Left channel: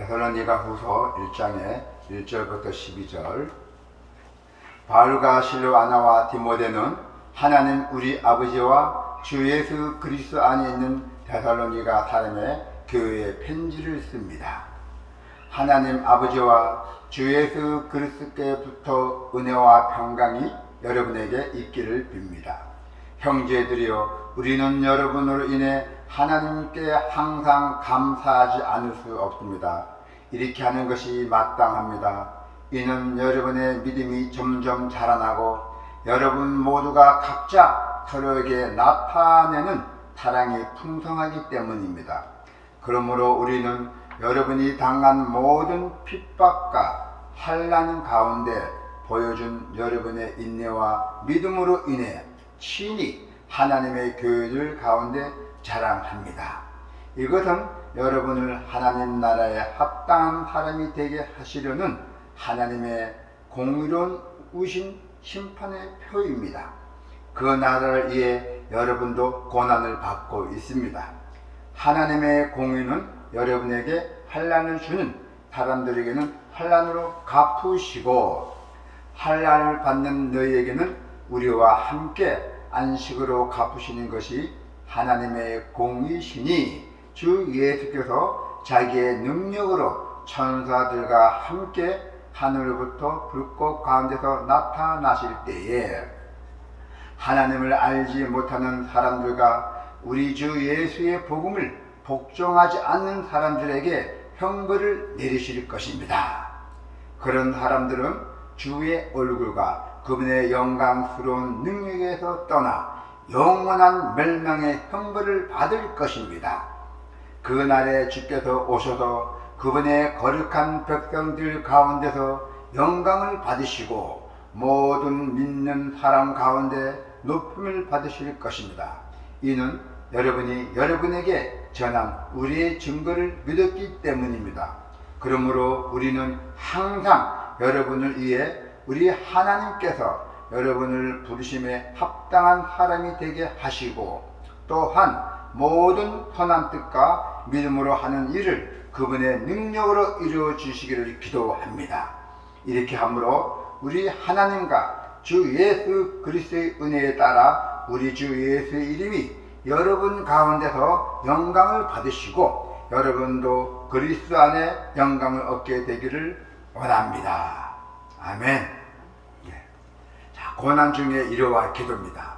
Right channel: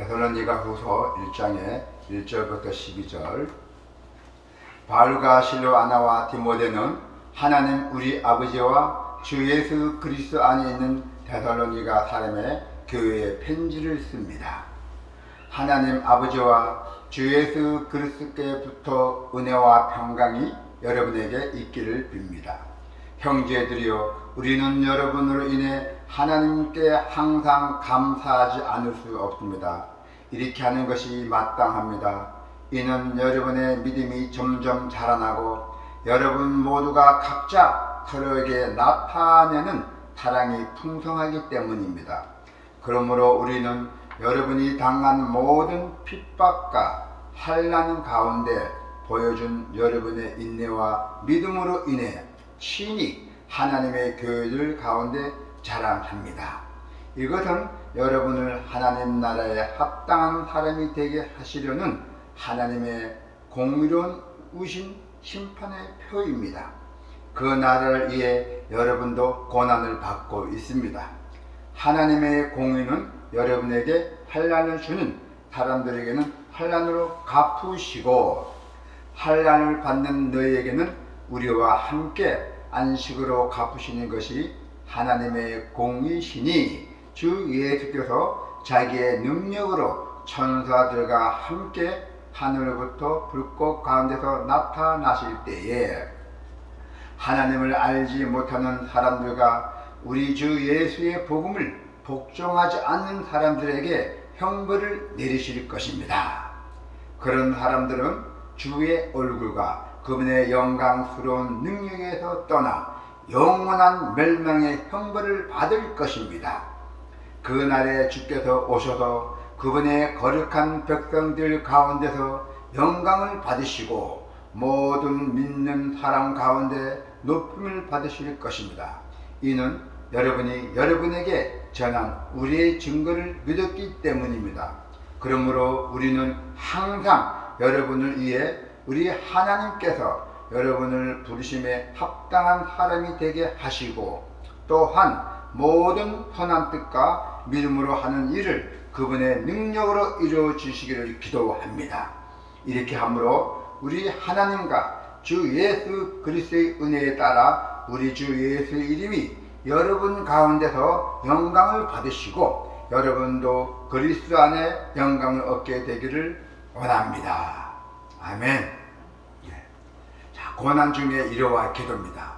데살로니가후서 1장의 1절부터 12절. 바울과 실로아나와 디모데는 하나님 우리 아버지와 주 예수 그리스도 안에 있는 데살로니가 사람의 교회에 편지를 씁니다. 하나님 아버지와 주 예수 그리스도께부터 은혜와 평강이 여러분에게 있기를 빕니다. 형제들이여, 우리는 여러분으로 인해 하나님께 항상 감사하지 않을 수 없습니다. 이렇게 하는 것이 마땅합니다. 이는 여러분의 믿음이 점점 자라나고 여러분 모두가 각자 서로에게 나타내는 사랑이 풍성하기 때문입니다. 그러므로 우리는 여러분이 당한 모든 핍박과 환난 가운데 보여준 여러분의 인내와 믿음으로 인해 친히 하나님의 교회들 가운데 자랑합니다. 이것은 여러분을 하나님 나라에 합당한 사람이 되게 하시려는 하나님의 공의로운 우신 심판의 표입니다. 그 나라를 위해 여러분도 고난을 받고 있습니다. 하나님의 공의는 여러분에게 환난을 주는 사람들에게는 환난으로 갚으시고, 환난을 받는 너희에게는 우리와 함께 안식으로 갚으시는 것이 하나님의 공의시니, 주 예수께서 자기의 능력으로 천사들과 함께 하늘로부터 불꽃 가운데서 나타나실 때에 하나님을 알지 못하는 사람들과 우리 주 예수의 복음을 복종하지 않는 사람들에게 형벌을 내리실 것입니다. 그런 사람들은 주의 얼굴과 그분의 영광스러운 능력에서 떠나 영원한 멸망의 형벌을 받을 것입니다. 그날에 주께서 오셔서 그분의 거룩한 백성들 가운데서 영광을 받으시고 모든 믿는 사람 가운데 높임을 받으실 것입니다. 이는 여러분이 여러분에게 전한 우리의 증거를 믿었기 때문입니다. 그러므로 우리는 항상 여러분을 위해 우리 하나님께서 여러분을 부르심에 합당한 사람이 되게 하시고, 또한 모든 선한 뜻과 믿음으로 하는 일을 그분의 능력으로 이루어 주시기를 기도합니다. 이렇게 함으로 우리 하나님과 주 예수 그리스도의 은혜에 따라 우리 주 예수의 이름이 여러분 가운데서 영광을 받으시고 여러분도 그리스도 안에 영광을 얻게 되기를 원합니다. 아멘. 자, 고난 중에 이러와 기도입니다.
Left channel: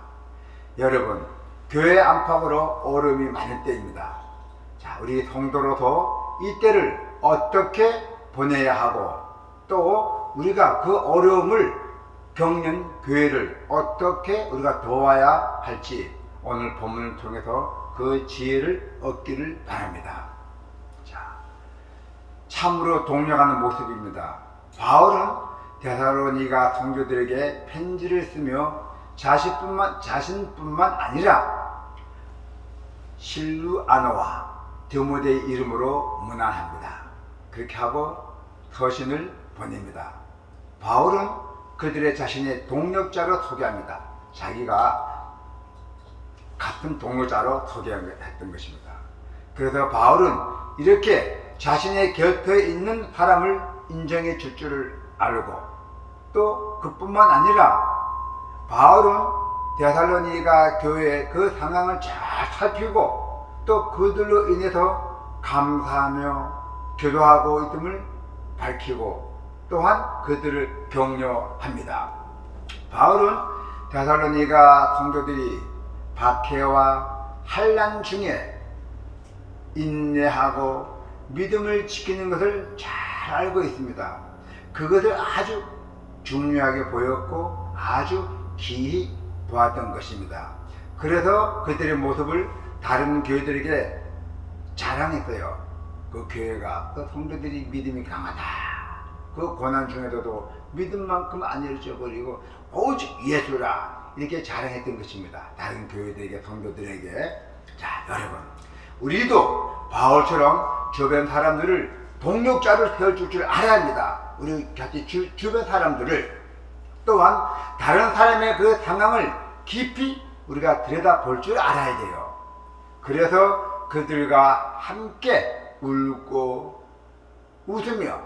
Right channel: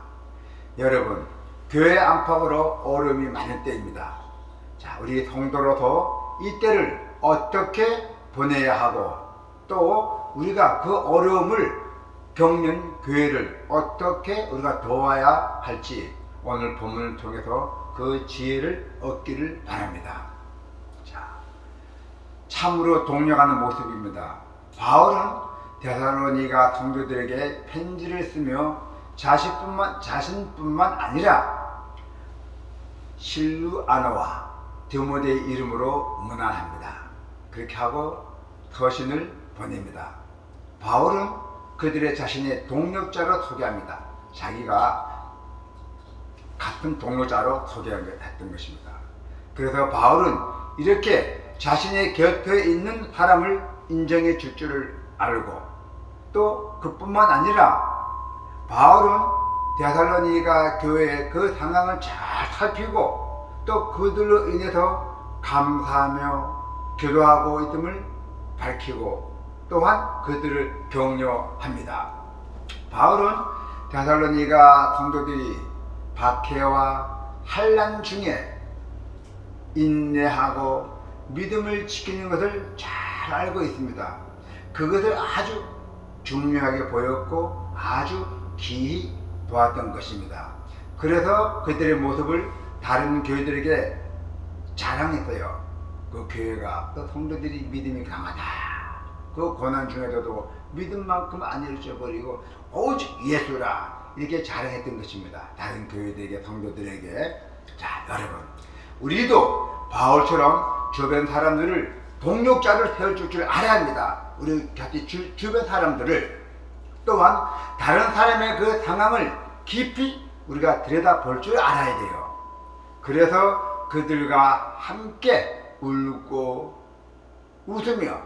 여러분, 교회 안팎으로 어려움이 많을 때입니다. 자, 우리 성도로서 이때를 어떻게 보내야 하고, 또 우리가 그 어려움을 겪는 교회를 어떻게 우리가 도와야 할지 오늘 본문을 통해서 그 지혜를 얻기를 바랍니다. 자, 참으로 동력하는 모습입니다. 바울은 데살로니가 성도들에게 편지를 쓰며 자신뿐만 아니라 실루아나와 디모데의 이름으로 문안합니다. 그렇게 하고 서신을 보냅니다. 바울은 그들의 자신의 동력자로 소개합니다. 자기가 같은 동료자로 소개했던 것입니다. 그래서 바울은 이렇게 자신의 곁에 있는 사람을 인정해 줄 줄을 알고, 또 그뿐만 아니라 바울은 데살로니가 교회의 그 상황을 잘 살피고 또 그들로 인해서 감사하며 기도하고 있음을 밝히고 또한 그들을 격려합니다. 바울은 데살로니가 성도들이 박해와 환난 중에 인내하고 믿음을 지키는 것을 잘 알고 있습니다. 그것을 아주 중요하게 보였고 아주 기히 보았던 것입니다. 그래서 그들의 모습을 다른 교회들에게 자랑했어요. 그 교회가, 그 성도들이 믿음이 강하다. 그 고난 중에서도 믿음만큼 안 잃어버리고 오직 예수라, 이렇게 자랑했던 것입니다. 다른 교회들에게, 성도들에게. 자, 여러분, 우리도 바울처럼 주변 사람들을 동력자를 세워줄 줄 알아야 합니다. 우리 같이 주변 사람들을, 또한 다른 사람의 그 상황을 깊이 우리가 들여다볼 줄 알아야 돼요. 그래서 그들과 함께 울고 웃으며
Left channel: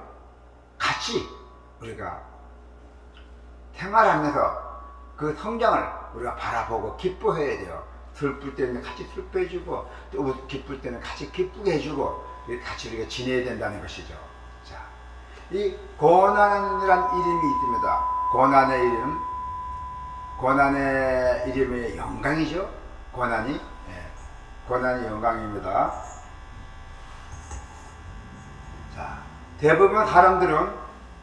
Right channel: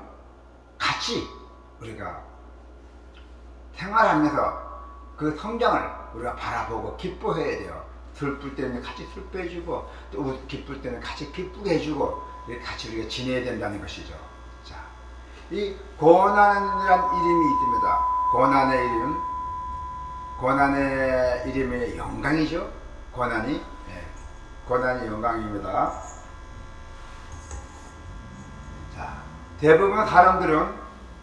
같이 우리가 생활하면서 그 성장을 우리가 바라보고 기뻐해야 돼요. 슬플 때는 같이 슬퍼해주고, 또 기쁠 때는 같이 기쁘게 해주고, 이렇게 같이 우리가 지내야 된다는 것이죠. 자, 이 고난이라는 이름이 있습니다. 고난의 이름이 영광이죠. 고난이 영광입니다. 자, 대부분 사람들은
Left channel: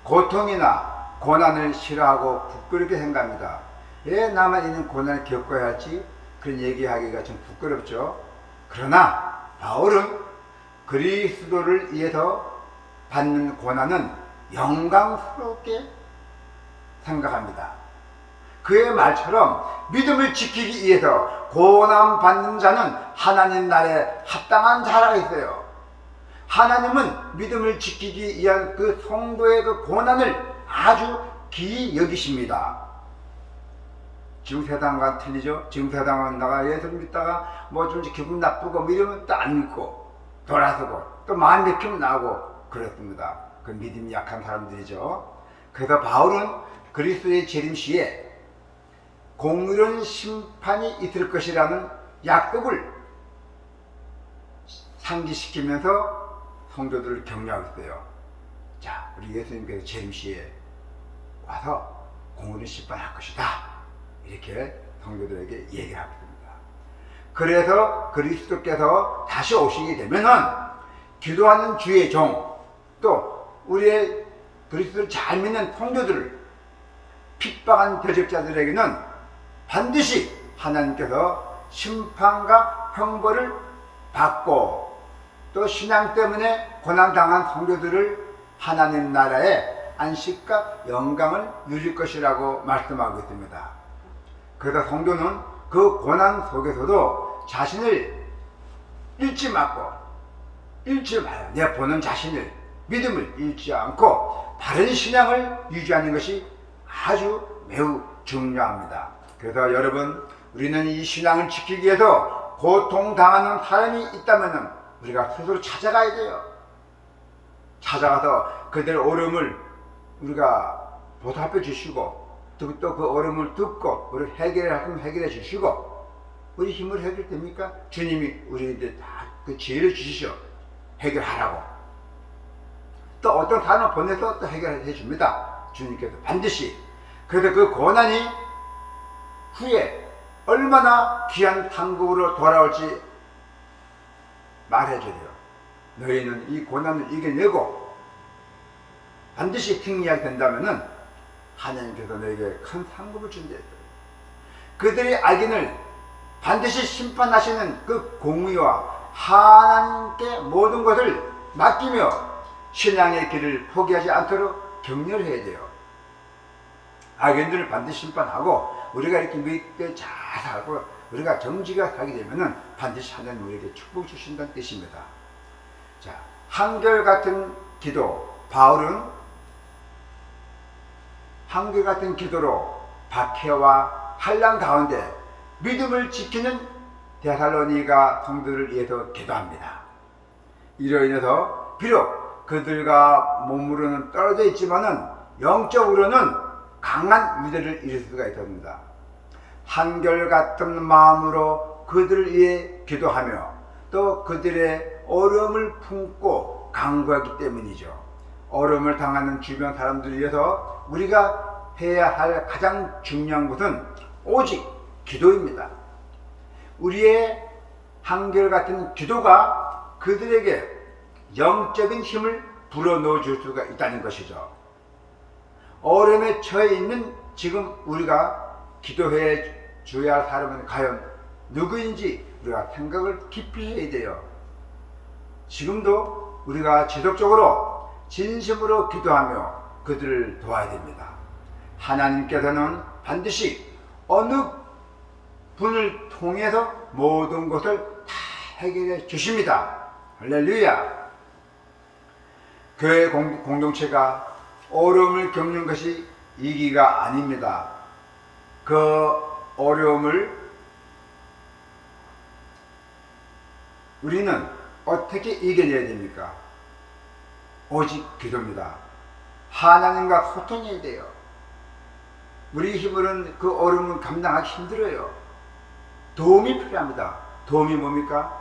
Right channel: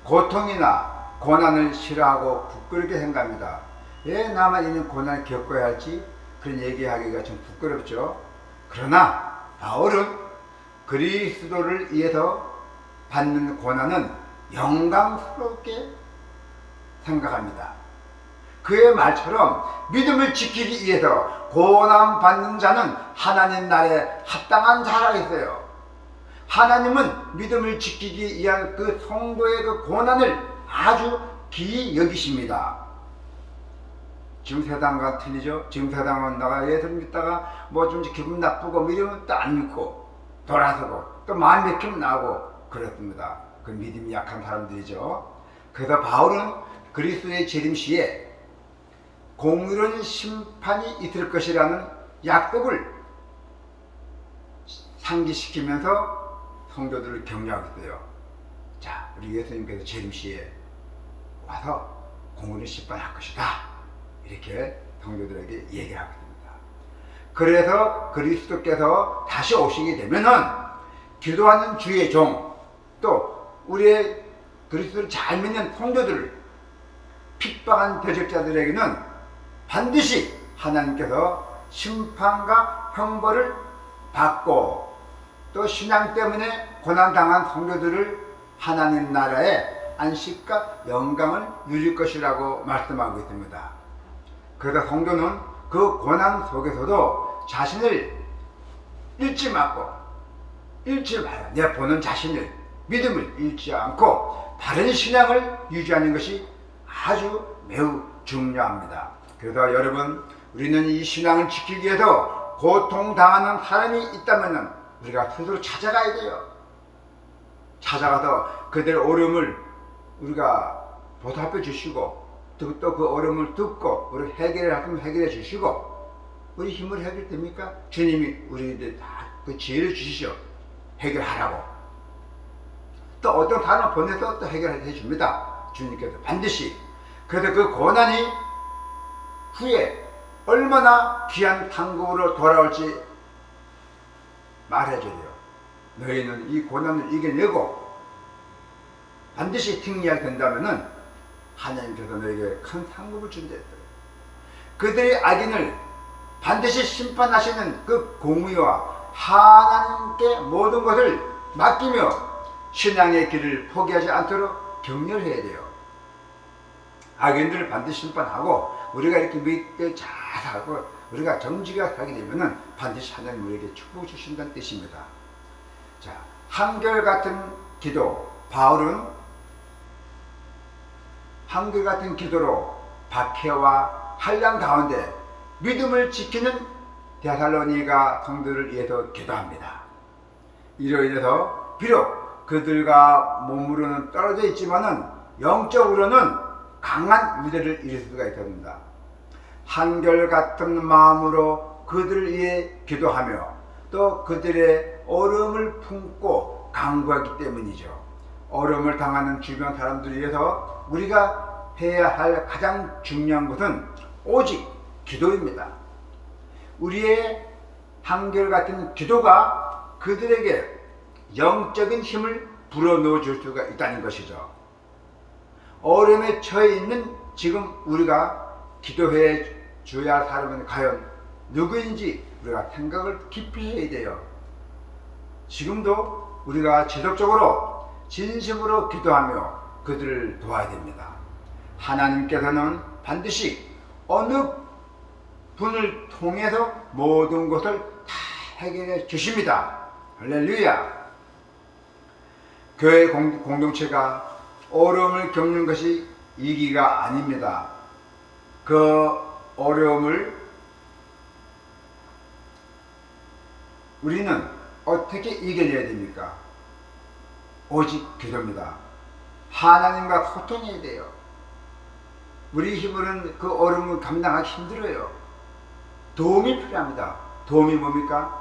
고통이나 고난을 싫어하고 부끄럽게 생각합니다. 왜 나만 이런 고난을 겪어야 할지 그런 얘기하기가 좀 부끄럽죠. 그러나 바울은 그리스도를 위해서 받는 고난은 영광스럽게 생각합니다. 그의 말처럼 믿음을 지키기 위해서 고난 받는 자는 하나님 나라에 합당한 자라 했어요. 하나님은 믿음을 지키기 위한 그 성도의 그 고난을 아주 귀히 여기십니다. 지금 세상과 틀리죠? 지금 세상은 나가 예수 믿다가 뭐 좀 기분 나쁘고 뭐 이러면 또 안 믿고 돌아서고 또 마음 맥히면 나오고 그렇습니다. 그 믿음이 약한 사람들이죠. 그래서 바울은 그리스도의 재림 시에 공의로운 심판이 있을 것이라는 약속을 상기시키면서 성도들을 격려하고 있어요. 자, 우리 예수님께서 재림 시에 와서 공의로운 심판할 것이다. 이렇게 성도들에게 얘기를 하고 있습니다. 그래서 그리스도께서 다시 오시게 되면은 기도하는 주의 종, 또 우리의 그리스도를 잘 믿는 성도들, 핍박한 대적자들에게는 반드시 하나님께서 심판과 형벌을 받고, 또 신앙 때문에 고난당한 성도들을 하나님 나라의 안식과 영광을 누릴 것이라고 말씀하고 있습니다. 그래서 성도는 그 고난 속에서도 자신을 잃지 말고, 내 보는 자신을, 믿음을 잃지 않고 바른 신앙을 유지하는 것이 아주 매우 중요합니다. 그래서 여러분, 우리는 이 신앙을 지키기 위해서 고통당하는 사람이 있다면 우리가 스스로 찾아가야 돼요. 찾아가서 그들의 어려움을 우리가 보답해 주시고, 또 그 어려움을 듣고 우리 해결해 주시고, 우리 힘으로 해결됩니까? 주님이 우리한테 다 그 지혜를 주시죠. 해결하라고. 또 어떤 사람을 보내서 또 해결해 줍니다. 주님께서 반드시. 그래서 그 고난이 후에 얼마나 귀한 상급으로 돌아올지 말해줘요. 너희는 이 고난을 이겨내고 반드시 승리하게 된다면은 하나님께서 너에게 큰 상급을 준다 했어요. 그들의 악인을 반드시 심판하시는 그 공의와 하나님께 모든 것을 맡기며 신앙의 길을 포기하지 않도록 격려를 해야 돼요. 악인들을 반드시 심판하고 우리가 이렇게 믿게 잘 살고 우리가 정직하게 살게 되면은 반드시 하나님 우리에게 축복 주신다는 뜻입니다. 자, 한결같은 기도, 바울은 한결같은 기도로 박해와 환난 가운데 믿음을 지키는 데살로니가 성도를 위해서 기도합니다. 이로 인해서 비록 그들과 몸으로는 떨어져 있지만은 영적으로는 강한 위대를 이룰 수가 있습니다. 한결같은 마음으로 그들을 위해 기도하며 또 그들의 어려움을 품고 강구하기 때문이죠. 어려움을 당하는 주변 사람들을 위해서 우리가 해야 할 가장 중요한 것은 오직 기도입니다. 우리의 한결같은 기도가 그들에게 영적인 힘을 불어넣어 줄 수가 있다는 것이죠. 어려움에 처해 있는 지금 우리가 기도해 줘야 할 사람은 과연 누구인지 우리가 생각을 깊이 해야 돼요. 지금도 우리가 지속적으로 진심으로 기도하며 그들을 도와야 됩니다. 하나님께서는 반드시 어느 분을 통해서 모든 것을 다 해결해 주십니다. 할렐루야. 교회 공동체가 어려움을 겪는 것이 이기가 아닙니다. 그 어려움을 우리는 어떻게 이겨내야 됩니까? 오직 기도입니다. 하나님과 소통해야 돼요. 우리 힘으로는 그 어려움을 감당하기 힘들어요. 도움이 필요합니다. 도움이 뭡니까?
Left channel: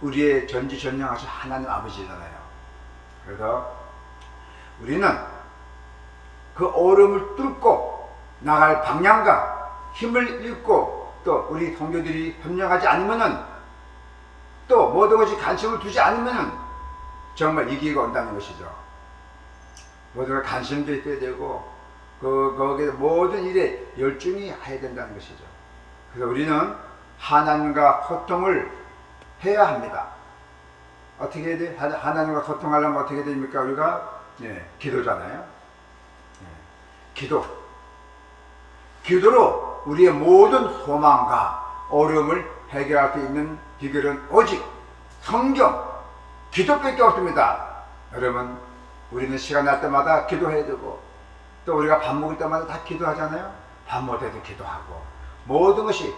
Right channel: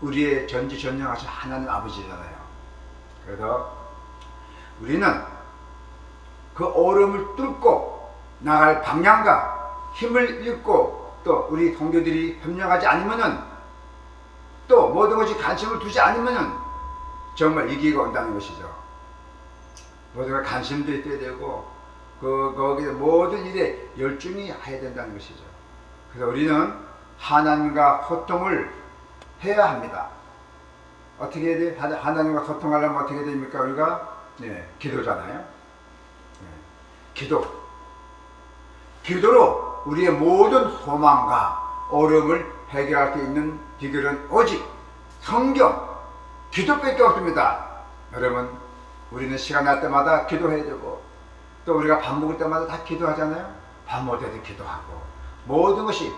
우리의 전지전능하신 하나님 아버지잖아요. 그래서 우리는 그 어려움을 뚫고 나갈 방향과 힘을 잃고 또 우리 동료들이 협력하지 않으면은 또 모든 것이 관심을 두지 않으면은 정말 위기가 온다는 것이죠. 모든 걸 관심도 있어야 되고 거기에 모든 일에 열중히 해야 된다는 것이죠. 그래서 우리는 하나님과 소통을 해야 합니다. 어떻게 해야 돼? 하나님과 소통하려면 어떻게 됩니까? 우리가 기도잖아요. 기도로 우리의 모든 소망과 어려움을 해결할 수 있는 비결은 오직 성경, 기도밖에 없습니다. 여러분, 우리는 시간 날 때마다 기도해야 되고 또 우리가 밥 먹을 때마다 다 기도하잖아요. 밥 먹을 때도 기도하고 모든 것이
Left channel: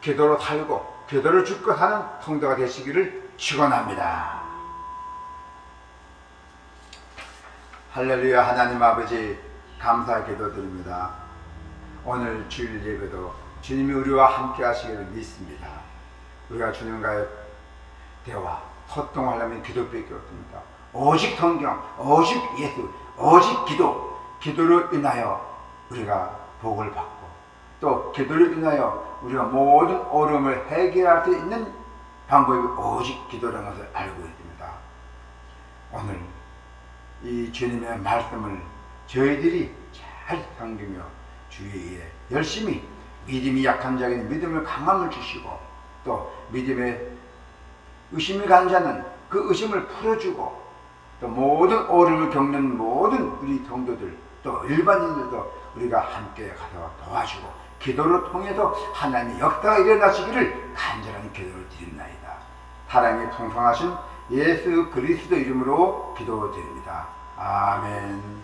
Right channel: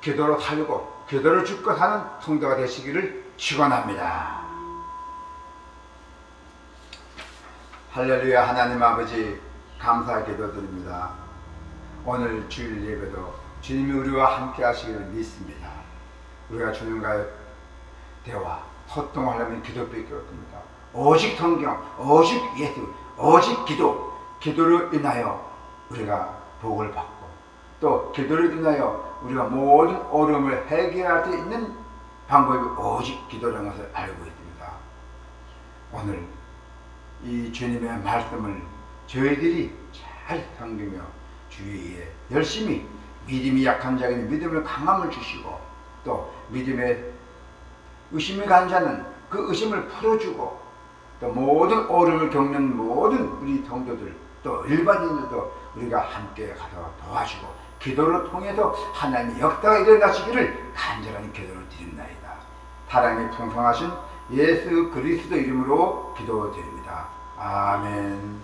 기도로 살고 기도를 죽고 사는 성도가 되시기를 축원합니다. 할렐루야. 하나님 아버지 감사 기도드립니다. 오늘 주일 예배도 주님이 우리와 함께 하시기를 믿습니다. 우리가 주님과의 대화, 소통하려면 기도밖에 없습니다. 오직 성경, 오직 예수, 오직 기도로 인하여 우리가 복을 받고 또 기도로 인하여 우리가 모든 어려움을 해결할 수 있는 방법이 오직 기도라는 것을 알고 있습니다. 오늘 이 주님의 말씀을 저희들이 잘 섬기며 주위에 열심히 믿음이 약한 자에게는 믿음을 강함을 주시고 또 믿음에 의심이 간 자는 그 의심을 풀어주고 또 모든 어려움을 겪는 모든 우리 성도들 또 일반인들도 우리가 함께 가서 도와주고 기도를 통해서 하나님의 역사가 일어나시기를 간절한 기도를 드립나이다. 사랑이 풍성하신 예수 그리스도 이름으로 기도드립니다. 아멘.